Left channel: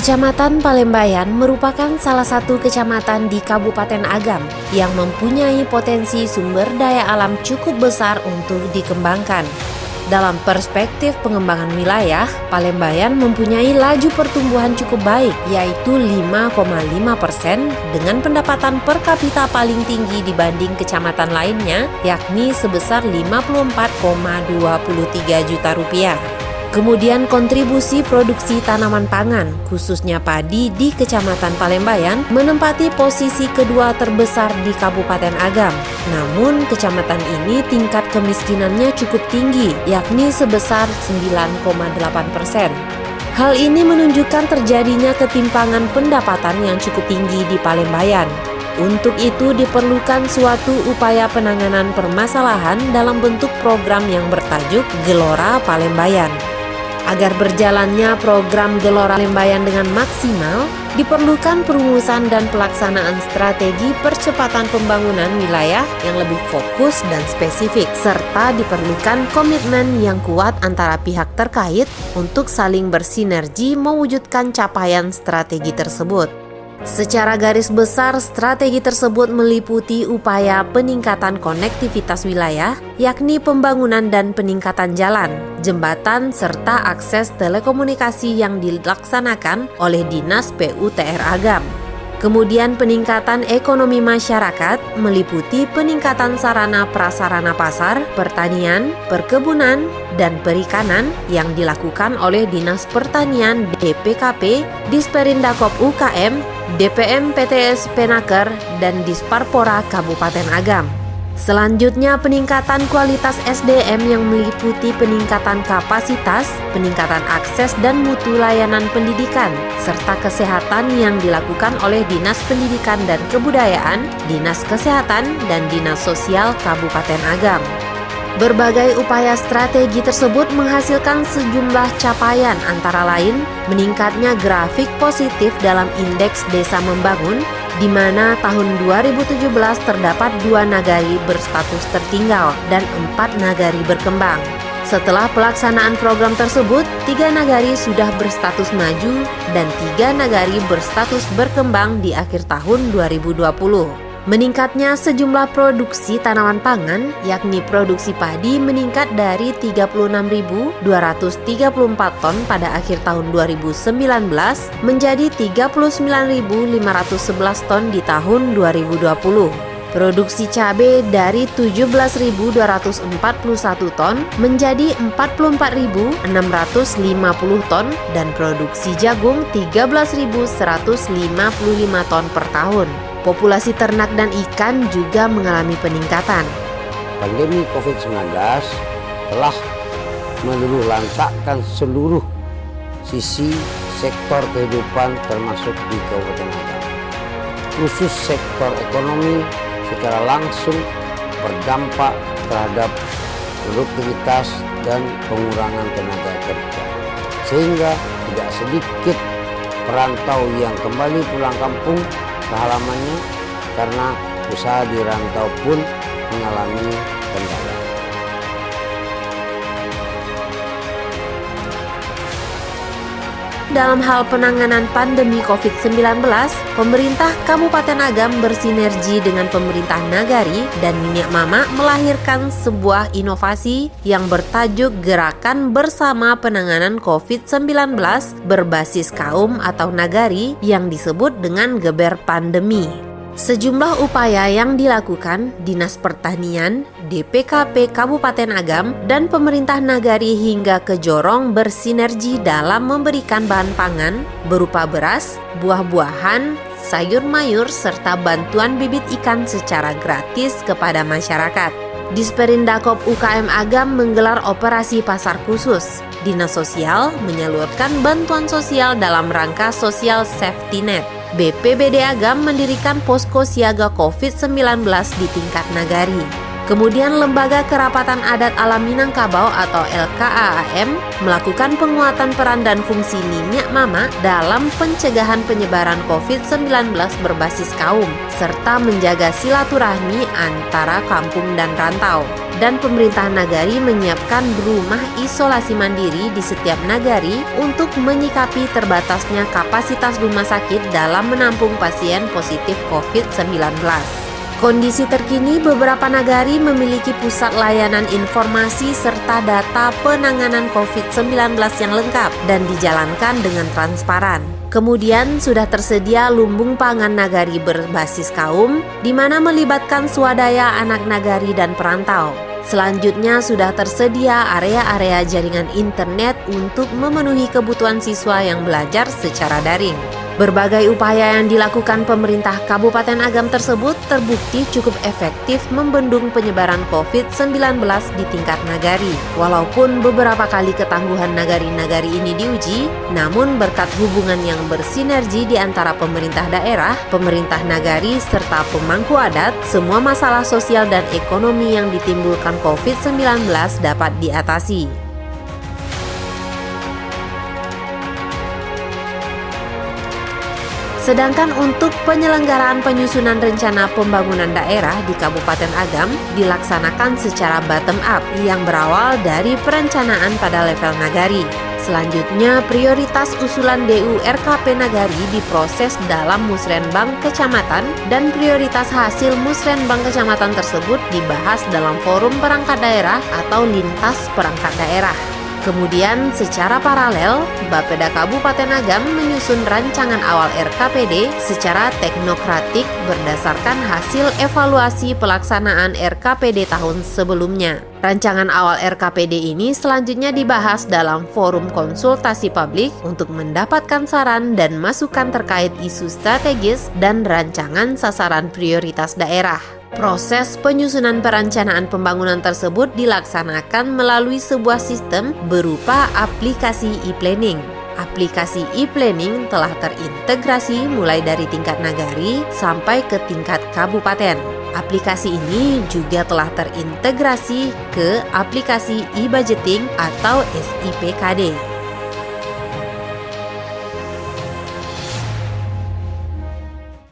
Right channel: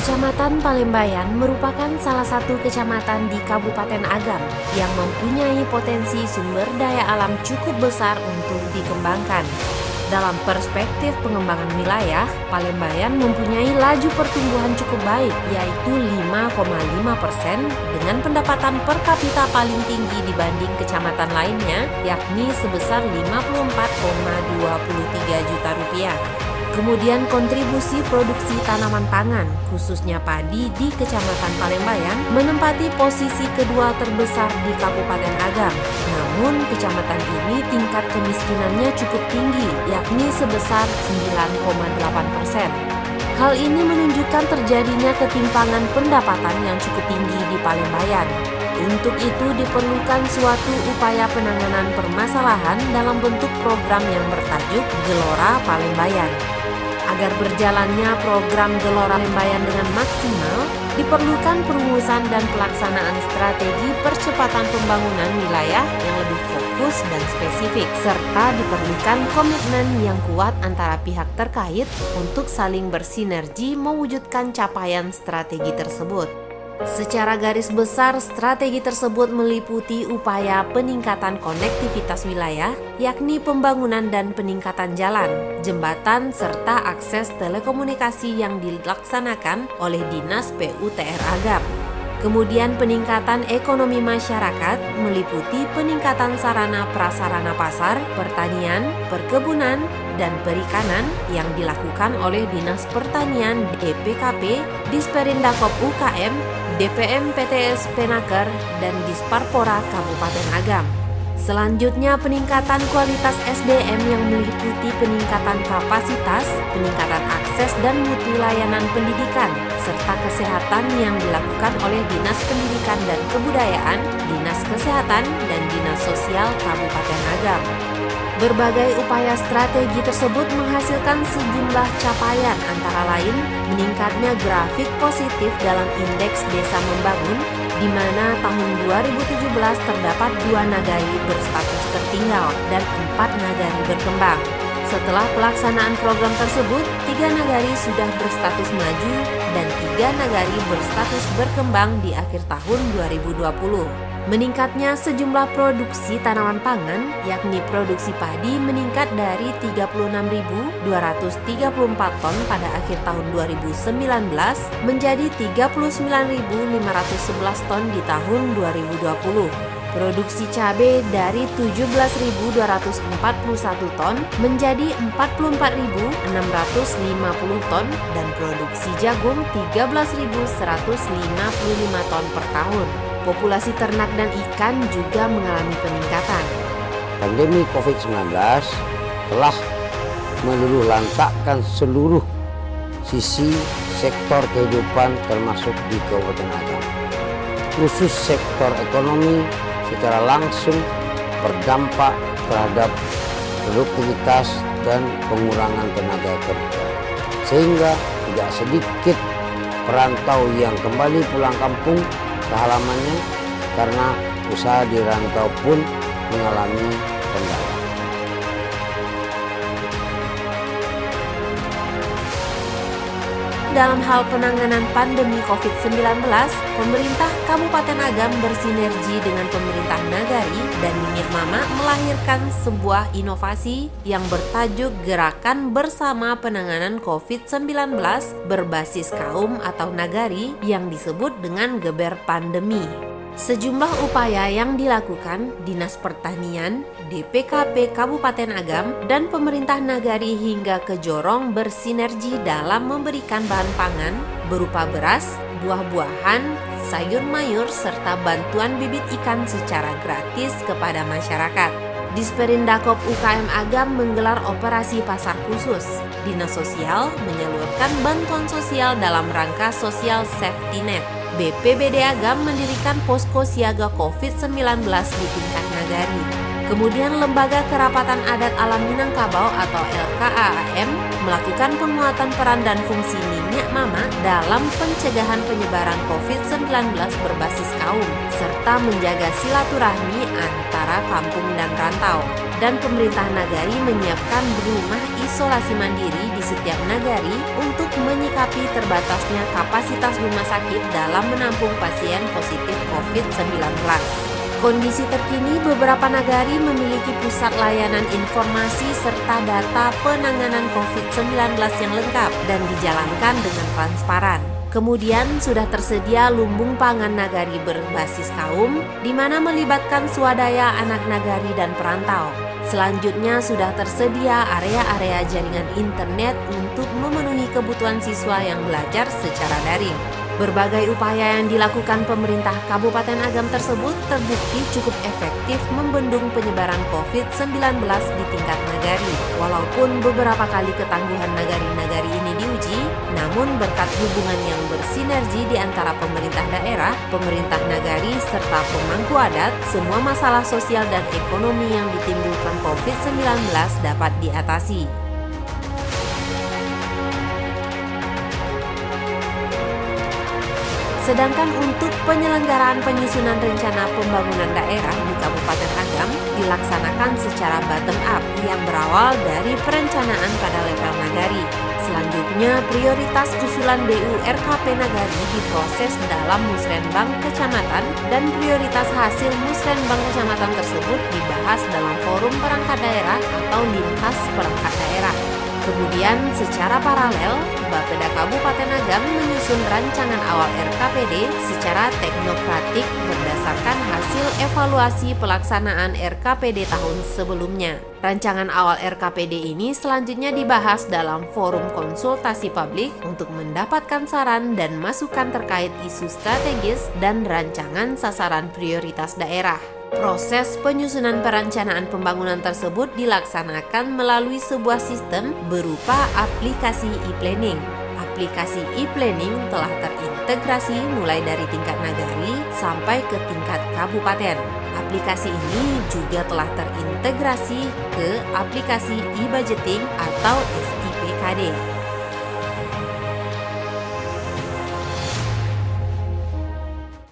Kecamatan Palembayan merupakan salah satu kecamatan di Kabupaten Agam yang mempunyai potensi sumber daya alam cukup besar untuk dikembangkan. Dalam perspektif pengembangan wilayah, Palembayan mempunyai laju pertumbuhan cukup baik, yaitu 5,5% dengan pendapatan per kapita paling tinggi dibanding kecamatan lainnya, yakni sebesar 54,23 juta rupiah. Kemudian kontribusi produksi tanaman pangan, khususnya padi di Kecamatan Palembayan, menempati posisi kedua terbesar di Kabupaten Agam. Namun, kecamatan ini tingkat kemiskinannya cukup tinggi, yakni sebesar 9,8%. Hal ini menunjukkan terjadinya ketimpangan pendapatan yang cukup tinggi di Palembayan. Untuk itu diperlukan suatu upaya penanganan permasalahan dalam bentuk program yang bertajuk Gelora Palembayan. Agar berjalannya program Gelora Palembayan dengan maksimal, diperlukan perumusan dan pelaksanaan strategi percepatan pembangunan wilayah yang lebih fokus dan spesifik, serta diperlukan komitmen yang kuat antara pihak terkait untuk saling bersinergi mewujudkan capaian strategi tersebut. Secara garis besar, strategi tersebut meliputi upaya peningkatan konektivitas wilayah, yakni pembangunan dan peningkatan jalan, jembatan, serta akses telekomunikasi yang dilaksanakan oleh Dinas PUTR Agam. Kemudian peningkatan ekonomi masyarakat meliputi peningkatan sarana prasarana pasar, pertanian, perkebunan, dan perikanan yang dilakukan oleh Dinas Pertanian DPKP, Disperindakop UKM, DPM PTS Penaker, dan Disparpora Kabupaten Agam. Selanjutnya peningkatan kualitas SDM yang meliputi peningkatan kapasitas, peningkatan akses dan mutu layanan pendidikan, serta kesehatan yang dilakukan oleh Dinas Pendidikan dan Kebudayaan, Dinas Kesehatan, dan Dinas Sosial Kabupaten Agam. Berbagai upaya strategi tersebut menghasilkan sejumlah capaian antara lain meningkatnya grafik positif dalam Indeks Desa Membangun, di mana tahun 2017 terdapat 2 nagari berstatus tertinggal dan 4 nagari berkembang. Setelah pelaksanaan program tersebut, 3 nagari sudah berstatus maju dan 3 nagari berstatus berkembang di akhir tahun 2020. Meningkatnya sejumlah produksi tanaman pangan, yakni produksi padi meningkat dari 36.234 ton pada akhir tahun 2019 menjadi 39.511 ton di tahun 2020. Produksi cabai dari 17.241 ton menjadi 44.650 ton dan produksi jagung 13.155 ton per tahun. Populasi ternak dan ikan juga mengalami peningkatan. Pandemi COVID-19 telah meluluhlantakkan seluruh sisi sektor kehidupan termasuk di Kabupaten Agam. Khusus sektor ekonomi secara langsung berdampak terhadap produktivitas dan pengurangan tenaga kerja. Sehingga tidak sedikit perantau yang kembali pulang kampung ke halamannya karena usaha di rantau pun mengalami kendala. Dalam hal penanganan pandemi COVID-19, pemerintah Kabupaten Agam bersinergi dengan pemerintah Nagari dan Minyak Mama melahirkan sebuah inovasi yang bertajuk Gerakan Bersama Penanganan COVID-19 berbasis kaum atau Nagari yang disebut dengan Geber Pandemi. Sejumlah upaya yang dilakukan Dinas Pertanian, DPKP Kabupaten Agam, dan pemerintah Nagari hingga ke Jorong bersinergi dalam memberikan bahan pangan berupa beras, buah-buahan, sayur mayur, serta bantuan bibit ikan secara gratis kepada masyarakat. Disperindakop UKM Agam menggelar operasi pasar khusus. Dinas Sosial menyalurkan bantuan sosial dalam rangka sosial safety net. BPBD Agam mendirikan posko siaga COVID-19 di tingkat Nagari. Kemudian Lembaga Kerapatan Adat Alam Minangkabau atau LKAAM melakukan penguatan peran dan fungsi Nini Mama dalam pencegahan penyebaran COVID-19 berbasis kaum, serta menjaga silaturahmi antara kampung dan rantau. Dan pemerintah nagari menyiapkan rumah isolasi mandiri di setiap nagari untuk menyikapi terbatasnya kapasitas rumah sakit dalam menampung pasien positif COVID-19. Kondisi terkini, beberapa nagari memiliki pusat layanan informasi serta data penanganan COVID-19 yang lengkap dan dijalankan dengan transparan. Kemudian sudah tersedia lumbung pangan nagari berbasis kaum, di mana melibatkan swadaya anak nagari dan perantau. Selanjutnya sudah tersedia area-area jaringan internet untuk memenuhi kebutuhan siswa yang belajar secara daring. Berbagai upaya yang dilakukan pemerintah Kabupaten Agam tersebut terbukti cukup efektif membendung penyebaran COVID-19 di tingkat nagari. Walaupun beberapa kali ketangguhan nagari-nagari ini diuji, namun berkat hubungan yang bersinergi di antara pemerintah daerah, pemerintah nagari, serta pemangku adat, semua masalah sosial dan ekonomi yang ditimbulkan COVID-19 dapat diatasi. Sedangkan untuk penyelenggaraan penyusunan rencana pembangunan daerah di Kabupaten Agam dilaksanakan secara bottom up yang berawal dari perencanaan pada level nagari. Selanjutnya, prioritas usulan DU RKP Nagari diproses dalam Musrenbang Kecamatan dan prioritas hasil Musrenbang Kecamatan tersebut dibahas dalam forum perangkat daerah atau lintas perangkat daerah. Kemudian secara paralel, Bapeda Kabupaten Agam menyusun rancangan awal RKPD secara teknokratik berdasarkan hasil evaluasi pelaksanaan RKPD tahun sebelumnya. Rancangan awal RKPD ini selanjutnya dibahas dalam forum konsultasi publik untuk mendapatkan saran dan masukan terkait isu strategis dan rancangan sasaran prioritas daerah. Proses penyusunan perencanaan pembangunan tersebut dilaksanakan melalui sebuah sistem berupa aplikasi e-planning. Aplikasi e-planning telah terintegrasi mulai dari tingkat nagari sampai ke tingkat kabupaten. Aplikasi ini juga telah terintegrasi ke aplikasi e-budgeting atau SIPKD.